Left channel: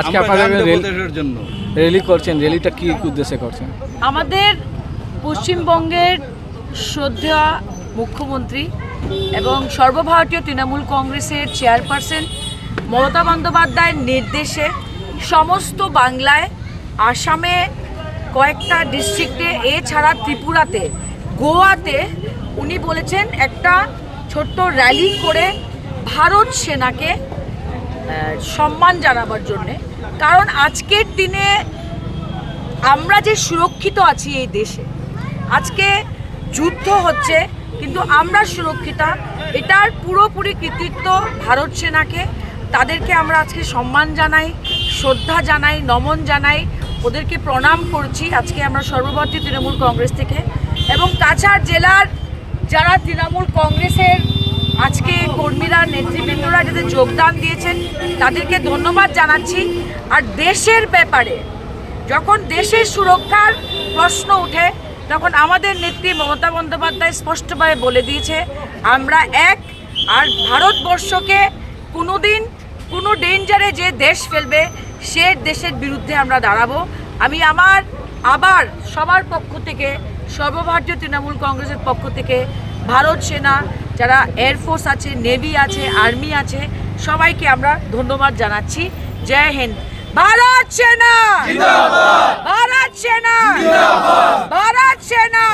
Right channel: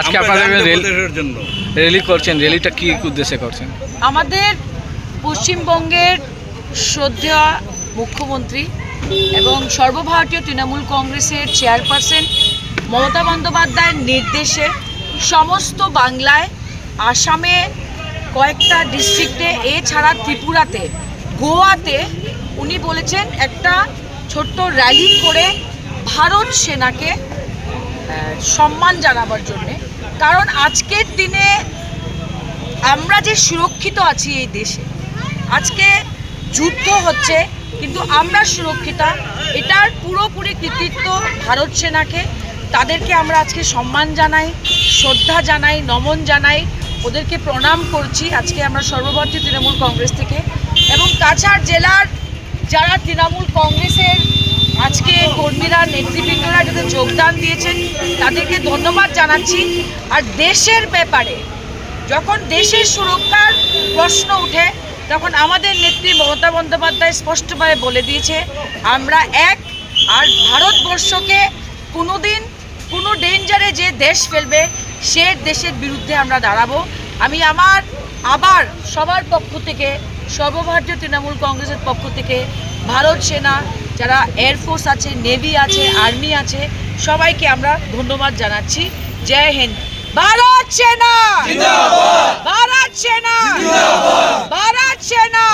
আজকে আপনাদের র্যালি করছেন, র্যালিটা কি উদ্দেশ্যে করছেন? আমাদের পশ্চিমবঙ্গের শ্রদ্ধেয় মুখ্যমন্ত্রী এবং সর্বভারতীয় তৃণমূল কংগ্রেসের চেয়ারপারসন মমতা বন্দ্যোপাধ্যায়ের নির্দেশে সমস্ত বাংলায়, আসামে কয়েকটা ডিস্ট্রিক্টে, এছাড়া ত্রিপুরাতে, গোয়াতে উনি বলেছেন একটা ছোট্ট র্যালি করে ভারত সেনাকে সম্মান জানাবার জন্যে। কারণ আজকের দিনে আমরা যে সুরক্ষিত আছি এই দেশে, আজকে যুদ্ধ হচ্ছে কিন্তু আমরা সুরক্ষিত, এটার পুরোপুরি কৃতিত্ব ভারত সেনাকে। তাদেরকে আমরা আজকে সম্মান জানাই, শ্রদ্ধা জানাই, নমন জানাই, ওদেরকে প্রণাম করছি আজকে আমরা সর্বভারতীয় তৃণমূল কংগ্রেস থেকে। এবং কাছাড় জেলার যারা তৃণমূল কংগ্রেসের আজকে কর্মীরা, নেতৃবৃন্দরা যাদের যোগদান দিয়েছেন তাদেরকে ধন্যবাদ জানাচ্ছি। আর দেশের ব্যাপারে যখন দেশের সুরক্ষার প্রশ্ন ওঠে তখন আমাদের নেত্রী মমতা বন্দ্যোপাধ্যায় স্পষ্টভাবে বলে দিয়েছে আমরা এক, আর ভারতবর্ষকে কোনোদিন কোনো ডেঞ্জারে যে দেশ ফেলবে সে দেশের বিরুদ্ধে আমরা দাঁড়াবো। আমি আবার সবার পক্ষ থেকে, সর্বভারতীয় তৃণমূল কংগ্রেসের পক্ষ থেকে ভারত সেনা, যারা এয়ারফোর্স আছে, নেভি আছে, আর্মি আছে, সবাইকে আমরা ধন্যবাদ জানাচ্ছি। জয় হিন্দ। ভারত সেনা, ভারত সেনা, ভারত সেনা।